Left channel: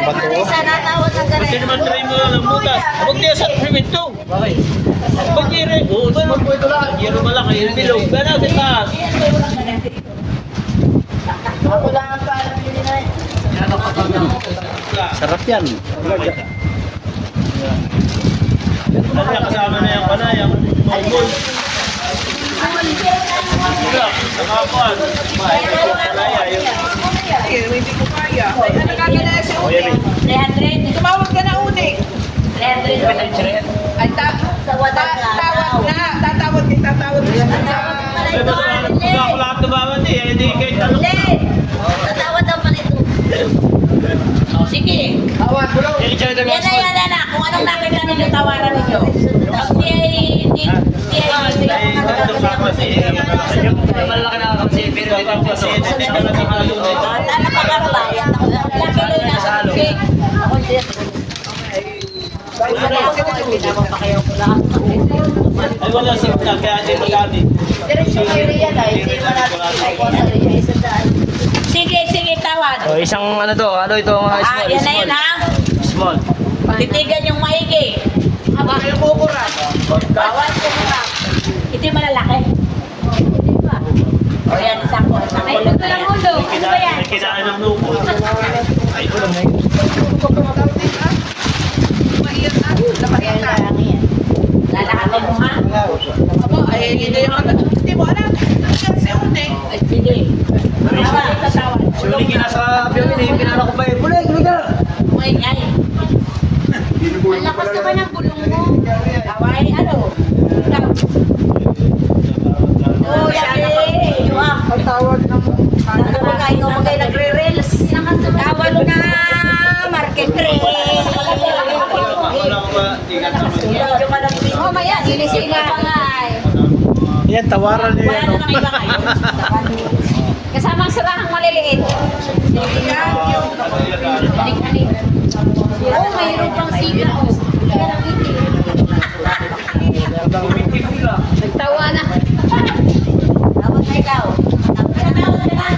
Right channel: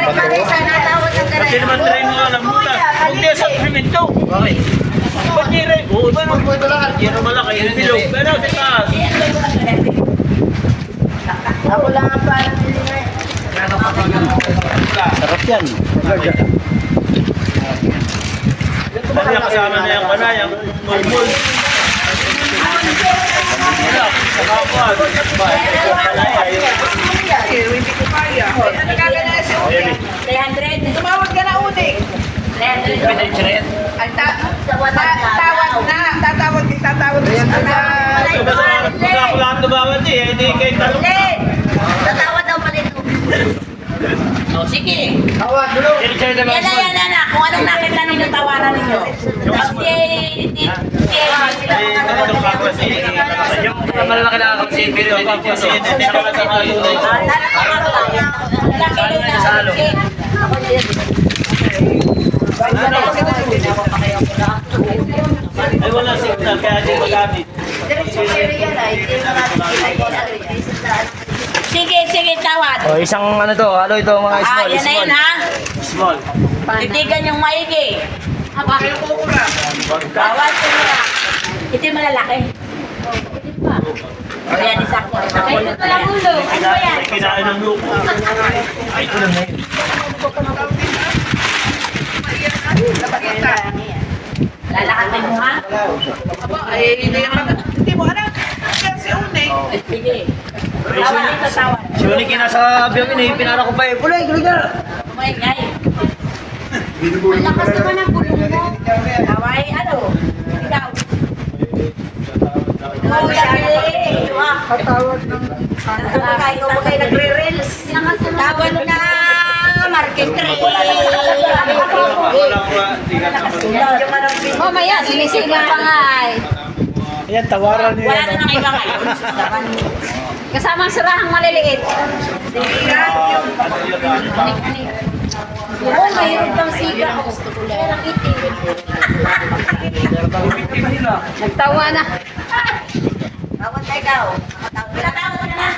Pati naman rin mo lang ang muta. Huwag niya sa primento. Bakit? Ba't niya rin? Oo, ba naman? Yan naman lang kayo. Bilog. Gano'n sa taas. Ako lang ang paalam nila na. Sarap yan. Ano na kasama na yung panay, ang mulmul. Sa kapal. Hindi ko kaya. Ano kagana na siya? 300. Tumawag ka na ulit. 300. Ay, tawag na. Tatawag ka siya. Kada sa harap ko ako lahat nabawat eh. Hindi kayo tanong. Tatawad daw pa nito. Oh, sige. Yan Yan na. Kung anong nakita ninyo, tawaran ninyo. Yung malalaki na akong si pero hindi ko kasi hindi ka na sa halo na ito. Tana pa ka ba? Ilang kilo na sa sit? Ay wala signal kaya hindi magani. Sige, tawad. O, isang ano to, ano ito mga small, Yan na small. yun, ha? Small. Titigan yung maigi. Kayo kukura. Tawad yun na. Ito yung malalaki. O yan, isang ko. Ito pa lang mundo. Ano ba yan? Kinaan ng lupo. Ay ito lang ngayon. Lalakatan mo, ha? Aba, ay, hindi na yung hindi mo alam. Si Uneng. Sige. Tawad ito, tawad. Si Uli kinasa abiyon din, pinala ko pa eh. Kulay, kuligar! Uy, ngay. Ang lakas naman ng bulong mo. Taway, ano? Ikaw. Oh, yan. Patawag ng... Ikaw ba kayo nagre-reels? Tawad na. Market trade. Wala ko ba? Tingnan naman. Mamaya, sinisila pa nga ay. Yan, tawaran niyo Wala yan. na lang iba ngayon. Kasama ang sarahang maliliit. Ano yun ah? Oo, mayroon pang siga. Kaya nakiti. Nagtawa na. Tawad na ikaw. Tawad na.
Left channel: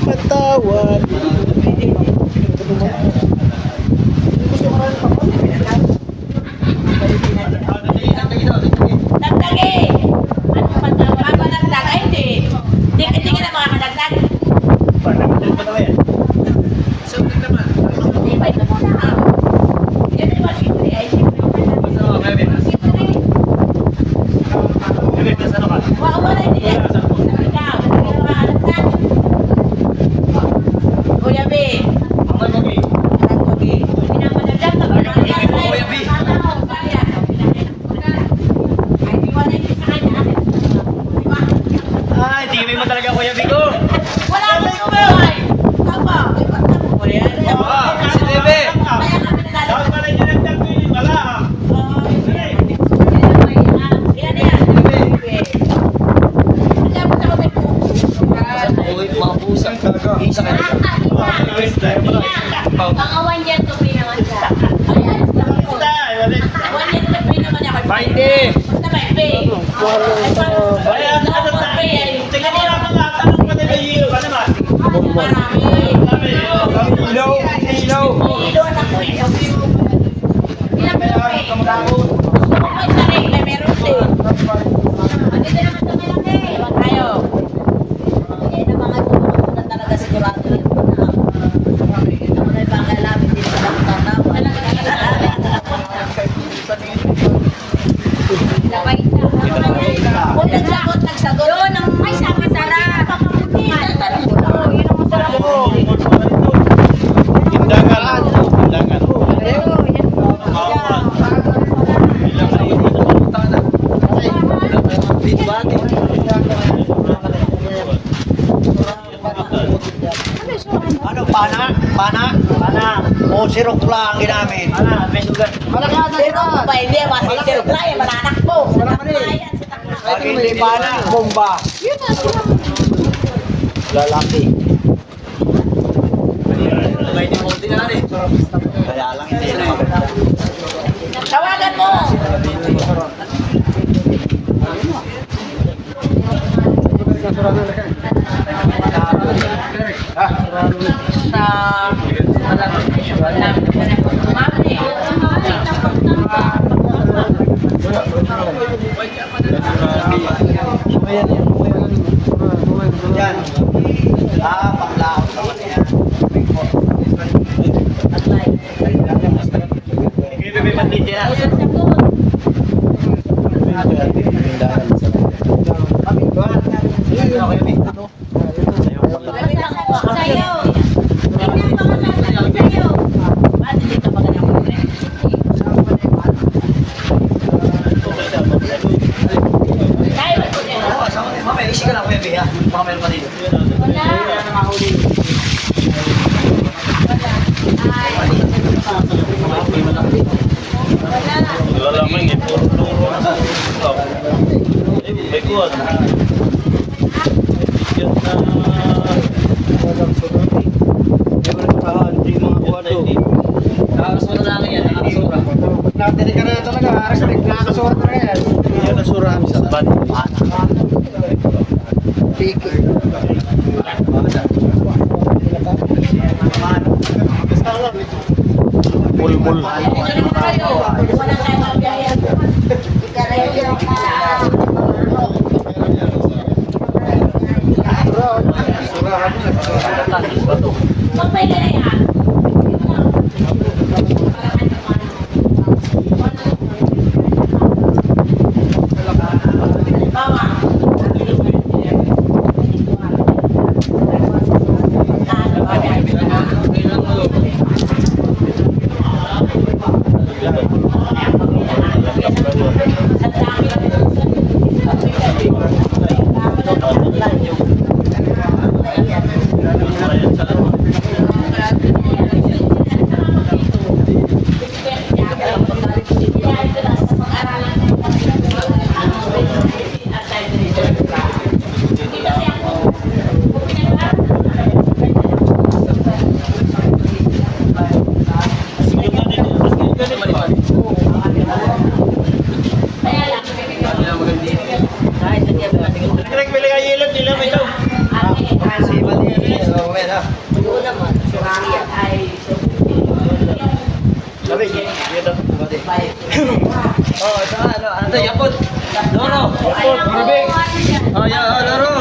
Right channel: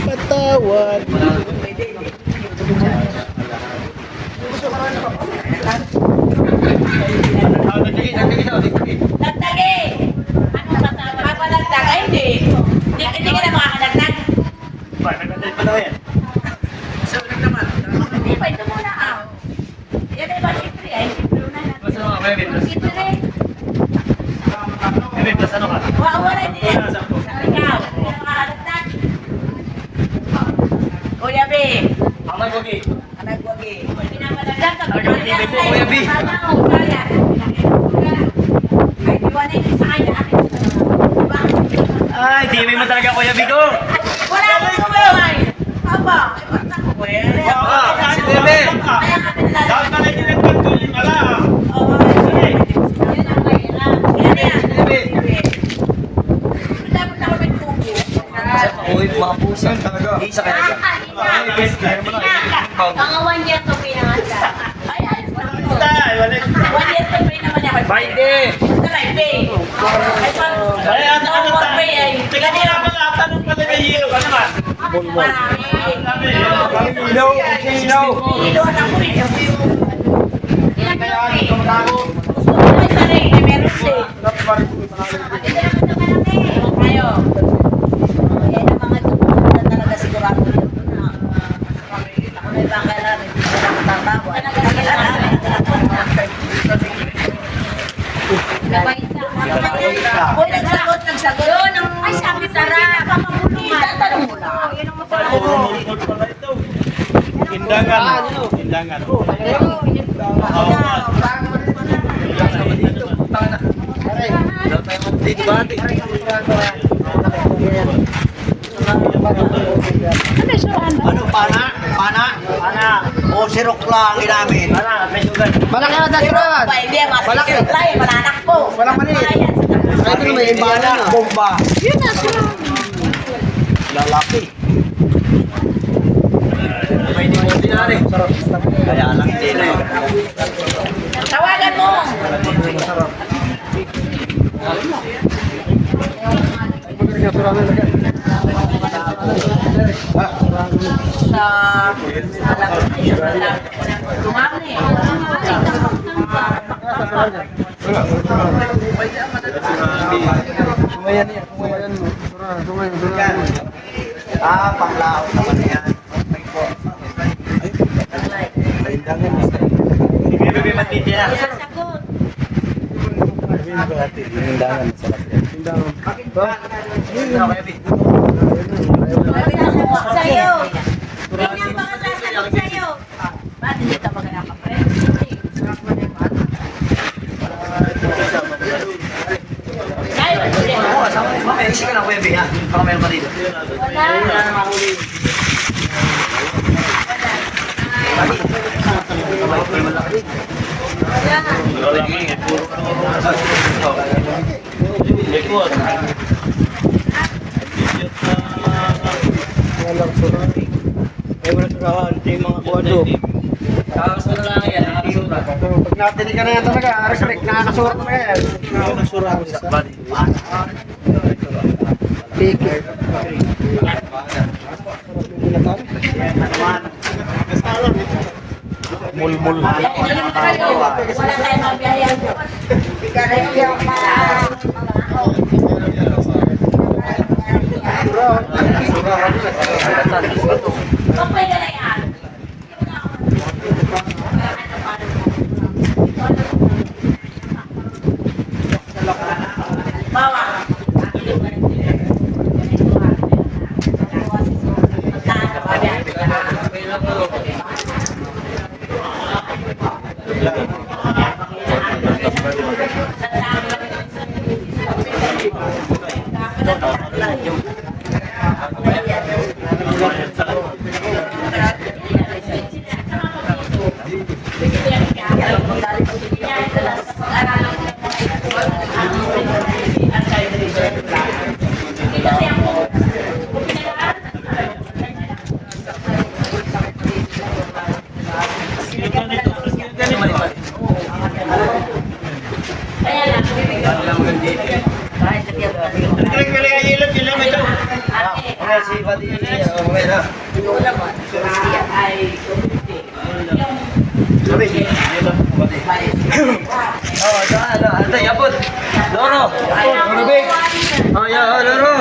Patawad. Nagtagi! Ano patawad? Ano nagtag? Ay, hindi. Hindi ka na makakadagdag. Ano pa naman yan? Sabi naman. Hindi pa ito muna. Yan ay ba siyempre? Ay, siyempre na. Basta mo, Kevin. Siyempre. Kevin, basta mo ka. Wala, hindi yan. Ikaw, hindi ka makakadagdag. Kuya B. Ang may magi. Nagpagi. Pinapadagdag ka. Kuya B. Kaya. Ay, iwanin sa kanya. Ay, di may mo talaga Kuya Bigo. Wala akong kumain. Papa. Kuya B. Si Kuya B. Kaya kami nilalagay. Dapat pala yung nagtagto yung ala. Sige. Yan yan. Dapat ako may tubo. Saan pa uwi mga pusa? Isa ka na. Mga 1 year to pay naman siya. Tay, wala. 1 year to pay naman niya. Bainte. Basta may pay. Ay, pag no more pay ay. Tingnan niyo ako lang tanong pa nila yelo ka naman. Marami. Ilaw. Ilaw. Doon ako eh. Yan, malaki. Gusto ko may saring, may meron din. Andito naman sa malaki. Tayo. Yan ang mga tumulong na talaga sigurado rin. Ako na yung baka alam, hindi sila matatawa. Ano ka nagsagot. Yun, ang may sabi sarap. Tatanong mo lang. Tindangan. Tindangan. Dito ba? Ano, pana? Pana? Ana. O sirok lang ginamit? Ana, may sugat. Malaki na Pero ba, hindi, masisirap lang, mananak po. Wala maliit. Ito may pana, bomba. Lalaki. May di mo dinari. Kaya lang hindi na. Tawagan mo. Sa Tumami. Yan. Panglaot naman na yan. Bibigay man din yan. Ayan, sagot. Sabi na sagot sa'yo. Tingnan pa ka sasagot sa'yo. Ba't hindi ka magandang friend? Kaya ba ito rin? Oo, sama mo. Mamaya, isi ka lang, Kuya B, ha? Baka meron pa dito. Wala. Ali. May malaki. Wala man ito. Likod. Hindi mga kuwado. Nakakasura lang yan, nakakasura. Pag natili ka na talaga, respect, nakakasura talaga yan. Yan ang sura sa body. Ticket. Mulmul. Wala tayong mabiyayan. Okay ka na yan. Bawa. Kaya lang, Nagkaroon pala yung yellow, yun naman ito. Si Badi, okay na. Sabi, di ba? Badi. Oh, saka ano? Ano? Yapot. Loro. Loro Big. Oh, ya, Loro.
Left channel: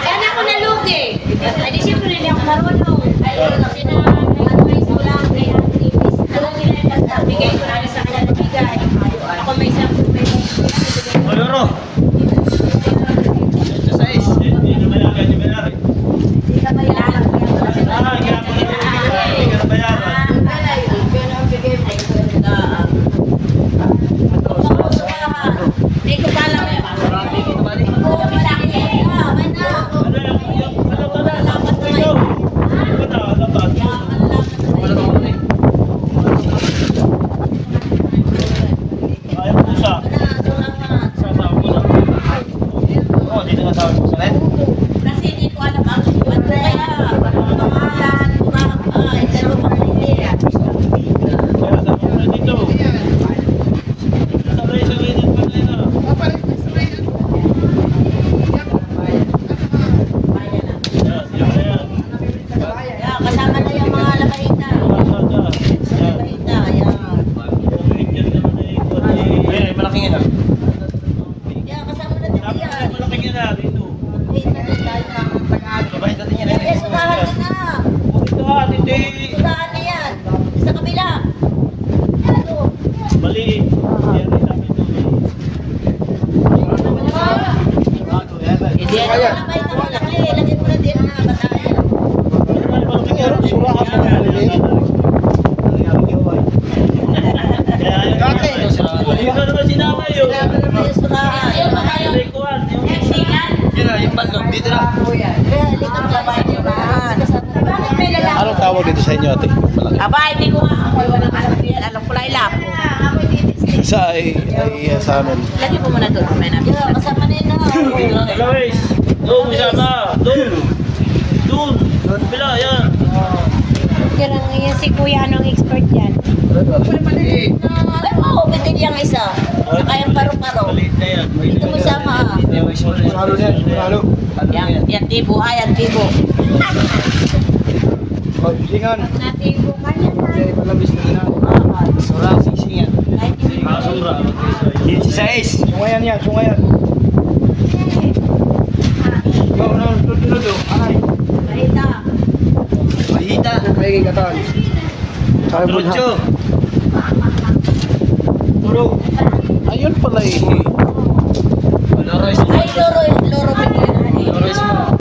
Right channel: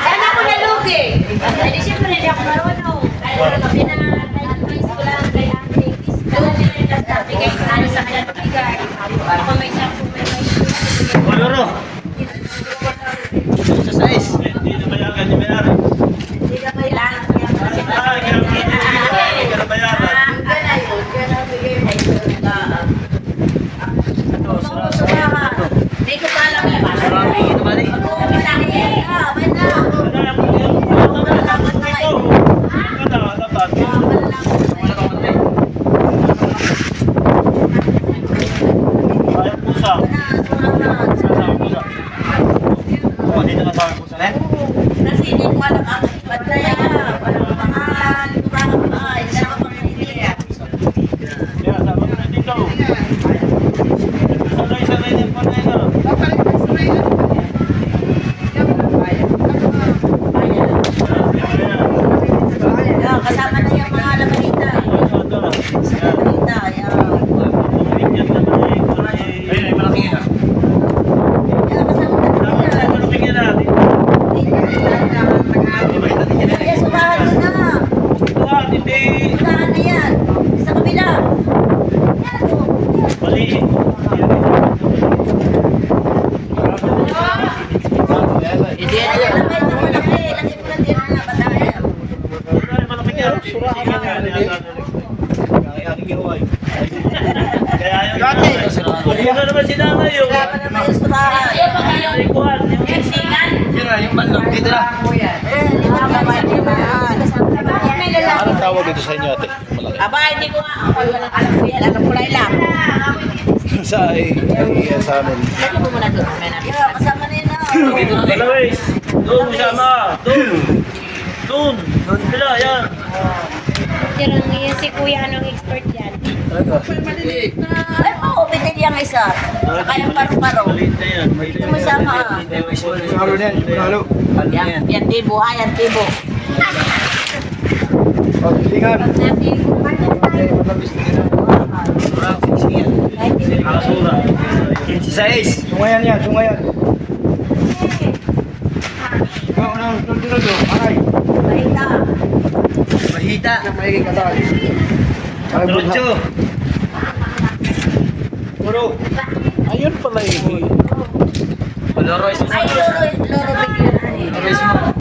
Sana ako nalugi. Ay, di siyempre hindi ako marunong. Ay, hindi na nag-advise ko lang kay ate. Doon nila yung kasta. Bigay tayo sa kanya bigay. Ako may isang O, Loro. Sa size. Hindi na mayagan, hindi mayaran. Hindi ka kailangan. Ah, hindi ka na bayaran. Hindi ko alam yan. Marami ito ba? Oh, dito ka tawag mo sa net? Kasi hindi ko alam ang bataya. Kasama na yung mga lamanita. Lamanita, yan. Ayun, malaking ina. Yan, kasama na yan. Eh, sudahan ko na. Sudahan na yan. Sa kabila. Ano? Hindi na yan. Laki mo na din ang bataya. Hindi ka naman sinama yun. Kasama na tayo sudahan. Rikuan, yung Yun na, yung manlog. Dito na. Likod ka sa limaan. Anong tawag dito sa inyo, ate? Malaki. Aba, hindi ko nga. Ako'y walang alam ko yan. Alam ko lang. Sa sa amin. Lagi mo muna doon. Yeah, kasama na yun na. Dalawis. Doon, sama. Doon. Doon. Bila, yan. Teacher ang yan si Kuya anong expert yan. Ay mo, bitin yung isa. Saka yung paru-paro. Maliit na yan. Dito mo sama. Sigurado na yan, sigurado. Ano yan? Yan tibo, yan tibo. Oh, silingan. Yan tibo. Malabis na yan. Surang singsingan. Kasura. 16. Sungayan yan, sungayan. Ikaw na, tunod o. Ay. Mahita. Mahita. May katawan. Trucho. Ayun pala eh. Loro is Ay, loro, loro. Loro is mo.